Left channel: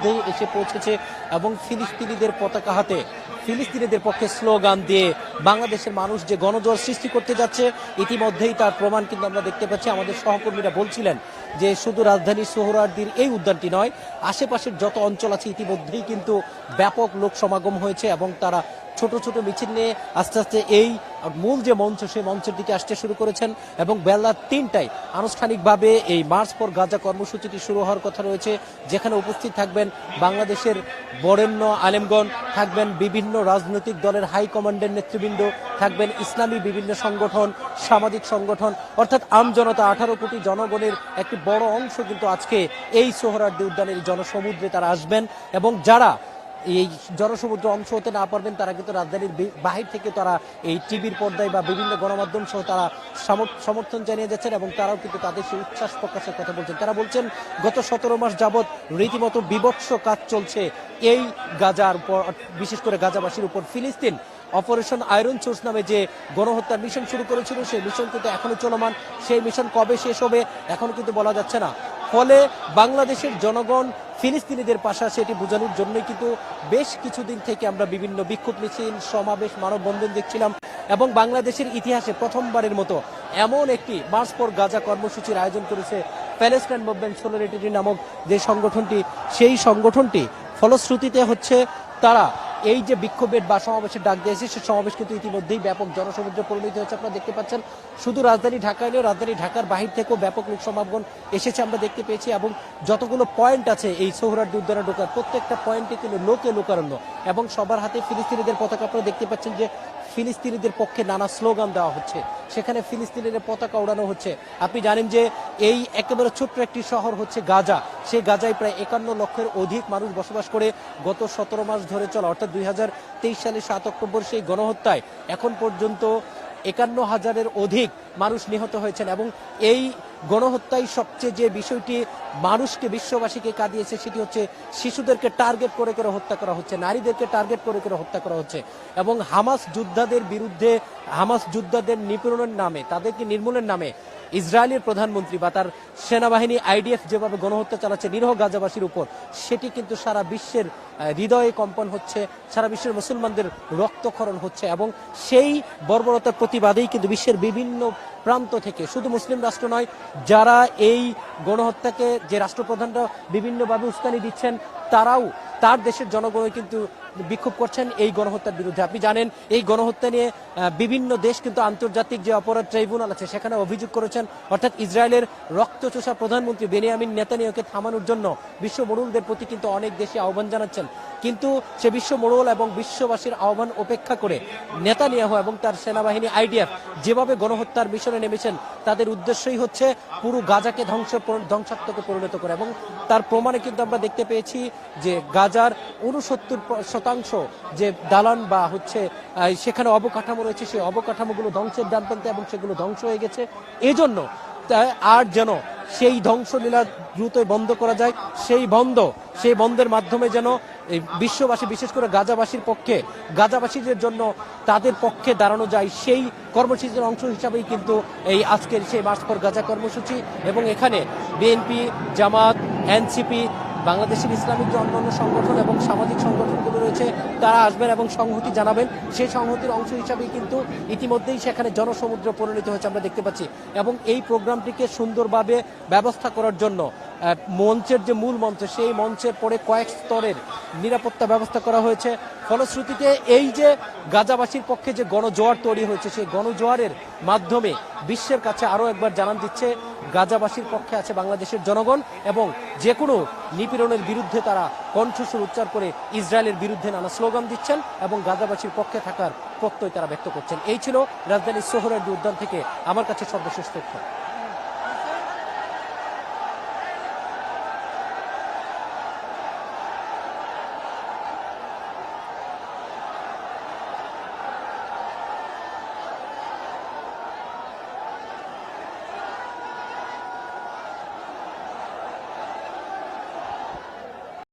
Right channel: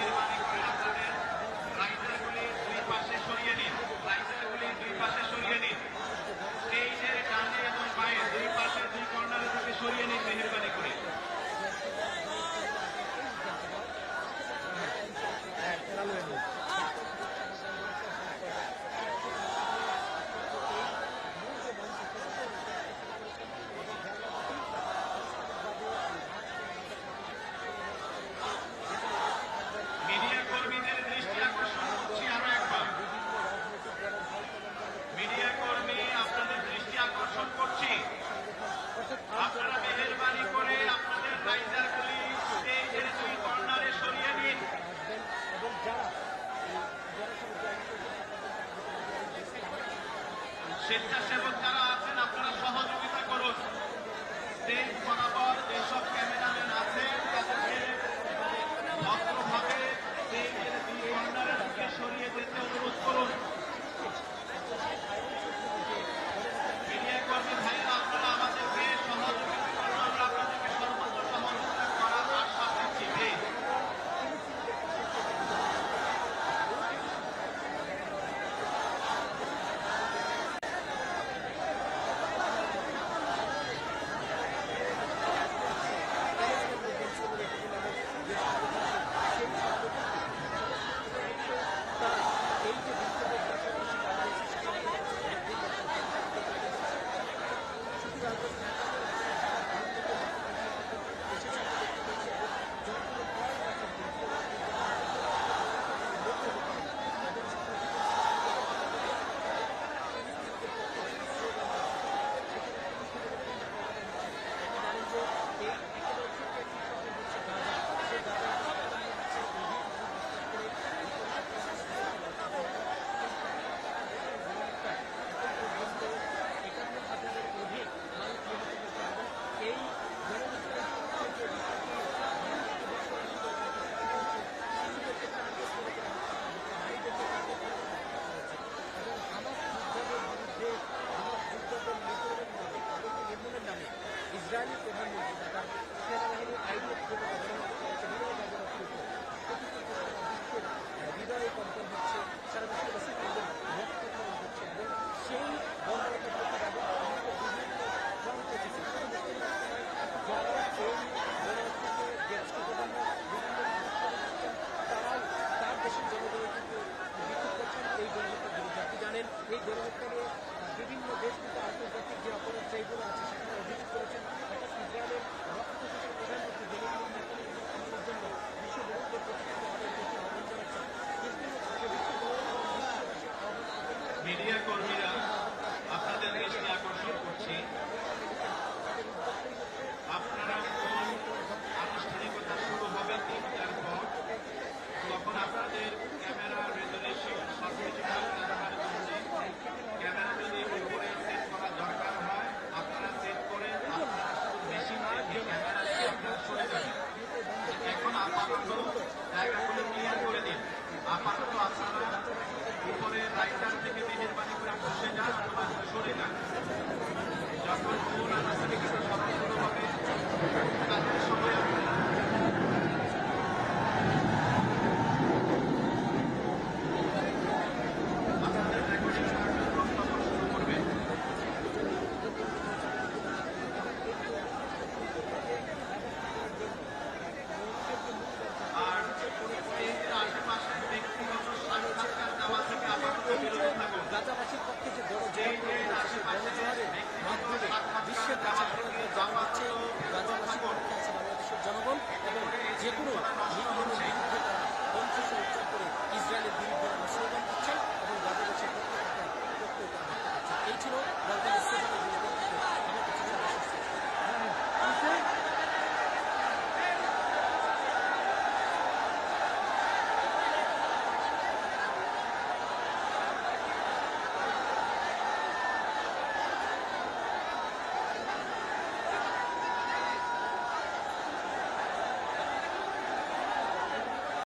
ইতিমধ্যেই এসে পৌঁছেছে এবং ফিলিস্তিনিদের পতাকা হাতে ফিলিস্তিনিদের পক্ষে স্লোগান দিয়ে বাংলাদেশের মানুষ যে গণজোয়ার সৃষ্টি করতে যাচ্ছে ইতিমধ্যেই তার প্রমাণ কিন্তু আমরা দেখতে পাচ্ছি। আমাদের সহকর্মীরা বলছিলেন যে শুধু রাজধানী সোহরাওয়ার্দীর এই উদ্যানটি নয়, আশেপাশের যত অঞ্চল আছে ইতিমধ্যেই কিন্তু ব্যাপক লোক সমাগম হয়েছে এবং তারা ছোট ছোট মিছিল নিয়ে আস্তে আস্তে এই মূল যে মঞ্চ সেই মঞ্চের দিকে আসতে শুরু করেছেন এবং বেলা ৩টায় আনুষ্ঠানিকভাবে এই মার্চ ফর গাজা কর্মসূচিটি শুরু হওয়ার কথা রয়েছে, যেখানে উপস্থিত থাকবেন বাংলাদেশের বরেণ্য আলেমগণ, থাকবেন বিভিন্ন রাজনৈতিক দলের হাইকমান্ডের নেতৃবৃন্দ, থাকবেন ইসলামী বিভিন্ন সংগঠন, সামাজিক সংগঠন, অর্থাৎ আমজনতা 18 কোটি জনগণের একটি বড় অংশ কিন্তু আজকে এই সোহরাওয়ার্দী উদ্যানের জনসমুদ্রে তারা আসবেন এবং যারা এই জনসমুদ্র অংশ হতে না পারবেন তারা কিন্তু রাজধানীর বাহির থেকে তারা এই টিভির পর্দায় বা বিভিন্ন গণমাধ্যম সহ তারা সমর্থন জানিয়ে যাচ্ছেন এবং তারাও কিন্তু তাদের সেই উচ্ছ্বাস প্রকাশের কথা বলছেন। তারা বলছেন গত 17 মাস যাবৎ রীতিমতো বিভৎস কাজ চলছে এই গাজার উপর, বিশেষ করে গাজাবাসীর উপর। ফিলিস্তিন অপারেশন আয়রন সোর্স নামে যে গণহত্যার মিশন শুরু করেছিল সেই মিশন কিন্তু এখনো চলমান। সেই মিশন কবে শেষ হবে এখনো কিন্তু বলা যাচ্ছে না। ফলে বাংলাদেশের জনগণ ফিলিস্তিনিদের পাশে আসে এটি বোঝানোর জন্যই কিন্তু বেশ কিছুদিন থেকে আমরা বিভিন্ন বিক্ষোভ মিছিল, সমাবেশ, মানববন্ধন দেখছিলাম এবং বাংলাদেশের ইতিহাসে প্রথমবারের মতো এমন একটি মার্চ ফর গাজা কর্মসূচির আয়োজন করেছে প্যালেস্টাইন মুভমেন্ট সলিডারিটি নামক যে সংগঠনটি। সেই সংগঠনটি ফলশ্রুতিতে হচ্ছে তারা এই যে বিক্ষোভের বা সমাবেশের ডাক দিয়েছে সে সমাবেশ কিন্তু ইতিমধ্যেই ব্যাপক জনসমুদ্রে পরিণত হয়েছে। আপনারা দেখতে পাচ্ছেন শুধু রাজধানী ঢাকায় নয়, রাজধানী ঢাকার বাহির থেকেও ব্যাপক লোক সমাগম এসেছে আমরা দেখতে পেয়েছি এবং যতগুলো পয়েন্ট আছে এই সোহরাওয়ার্দী উদ্যানে ঢোকার প্রত্যেকটা পয়েন্টে কিন্তু লোকে লোকারণ্য এবং সবার হাতে ফিলিস্তিনিদের পতাকা। আপনারা দেখতে পাচ্ছেন যে ফিলিস্তিনিদের পক্ষে নানা স্লোগান দেওয়া হচ্ছে, সেখানে ফিলিস্তিনিদের পতাকা ওড়ানো হচ্ছে। আপনি জানেন যে এই একেবারে ছোট্ট একটি শহর হচ্ছে গাজা, সেই গাজায় প্রায় 51 লক্ষের অধিক মানুষ বসবাস করে। গত 17 মাস ধরে চলা অর্থাৎ 2023 সালের 7 অক্টোবর সেই গণহত্যায় এখন পর্যন্ত 51,000-এর অধিক মানুষ নিহত হয়েছেন এবং এই গণহত্যায় সবচেয়ে যে বিষয়টি মানুষকে, বিশ্ববাসীকে কাঁদিয়েছে সেটি হচ্ছে শিশুদেরকে টার্গেট করে করে হত্যা করা হচ্ছে, নারীদেরকে টার্গেট করে করে হত্যা করা হচ্ছে এবং হামাস যোদ্ধাদের বিরুদ্ধে, হামাস যোদ্ধাদের নিপীড়নের নামে, তাদেরকে নির্মূলের নামে ইসরায়েলের প্রধানমন্ত্রী বা তার সেনাবাহিনী আইডিএফ যেভাবে গণহত্যা চালাচ্ছে নিরীহ গাজাবাসীর উপর, সেটি কিন্তু সারা বিশ্বের হৃদয়ে কম্পন হচ্ছে, সারা বিশ্বের মুসলমানদের রক্তক্ষরণ হচ্ছে এবং সেই বর্বরতার প্রতিবাদেই কিন্তু বিশ্বের বিভিন্ন প্রান্ত থেকে, শুধু মুসলিম রাষ্ট্র নয়, যারা এই গণহত্যাকে যে রাষ্ট্রপ্রধানরা বিভিন্নভাবে উস্কানি দিচ্ছেন তারাও তার দেশের জনগণই কিন্তু বিক্ষোভ করছেন এই গণহত্যার বিরুদ্ধে। আপনি জানেন এই গণহত্যা নিয়ে বিভিন্ন দেশ কিন্তু আন্তর্জাতিক যে অপরাধ ট্রাইব্যুনাল আছে সেখানে অভিযোগ করেছেন, অর্থাৎ ইসরায়েলের রক্তচোষা প্রধানমন্ত্রী বেনিয়ামিন নেতানিয়াহুকে থামানোর জন্য বিশ্ব মোড়লদের প্রতি কিন্তু অনেক দেশে আহ্বান জানাচ্ছেন। কিন্তু সে বিশ্ব মোড়ল এবং বিশ্ববাসীর আহ্বান উপেক্ষা করে নেতানিয়াহু এবং তার সেনাবাহিনী আইডিএফ যেভাবে গণহত্যার মিশনে নেমেছেন তাদের উদ্দেশ্যই হচ্ছে পুরো গাজাকে ধ্বংসাত্মকে পরিণত করে এবং তার প্রমাণে কিন্তু আমরা দেখতে পেয়েছি যে গাজার 69% যে দালান বা হচ্ছে সেখানে অবকাঠামো রয়েছে সেই অবকাঠামোগুলো ধ্বংসের দ্বার প্রান্তে এবং সেগুলো ধ্বংস হয়ে গেছে। এজন্য আর যেন সেই ধ্বংসলীলা দ্রুতই বন্ধ করা যায়, সেই বন্ধের মাধ্যমে যেন এই বিশ্ববাসী, বিশেষ করে গাজাবাসীর পক্ষে, গাজাবাসীদের জন্য তাদের পক্ষে দাঁড়ানো যায়, সেই কর্মসূচির অংশ হিসাবেই কিন্তু এই আজকের সেই মার্চ ফর গাজা কর্মসূচি। এবং এখানে বিএনপি, জামাত, এনসিপি, বাংলাদেশের ইসলামিক যে অন্যান্য সংগঠন এবং সামাজিক সংগঠনগুলো রয়েছে তারা আসবেন এবং সংহতি জানাবেন। সেই সংহতির অংশ হিসাবেই কিন্তু ইতিমধ্যেই সেখানে জনসমুদ্র পরিণত হয়েছে আমরা দেখতে পাচ্ছি এবং এই প্রোগ্রামটিকে সুন্দরভাবে ব্যবস্থা করার জন্য মঞ্চের যে মূল মঞ্চ সেই মঞ্চের পরে কয়েক স্তরের নিরাপত্তা ব্যবস্থা করা হয়েছে। ফলশ্রুতিতে এই যে গাজাবাসীর পক্ষে যে গণজোয়ার তৈরি হয়েছে সেই গণজোয়ারের মাধ্যমে বিশ্বের কাছে আরও একবার জানান দিচ্ছে গাজাবাসীর পক্ষে আছে বাংলাদেশের জনগণ এবং যে কোনো নিপীড়নের বিরুদ্ধে তারা কণ্ঠস্বর উচ্চার করে ইসরায়েলের বিরুদ্ধে নানা স্লোগান দিচ্ছেন এবং গাজাবাসীর পক্ষে থাকার প্রত্যয় তারা ব্যক্ত করছেন। এই ছিল রাজধানীর সোহরাওয়ার্দী উদ্যান থেকে আমার কাছে সর্বশেষ তথ্য।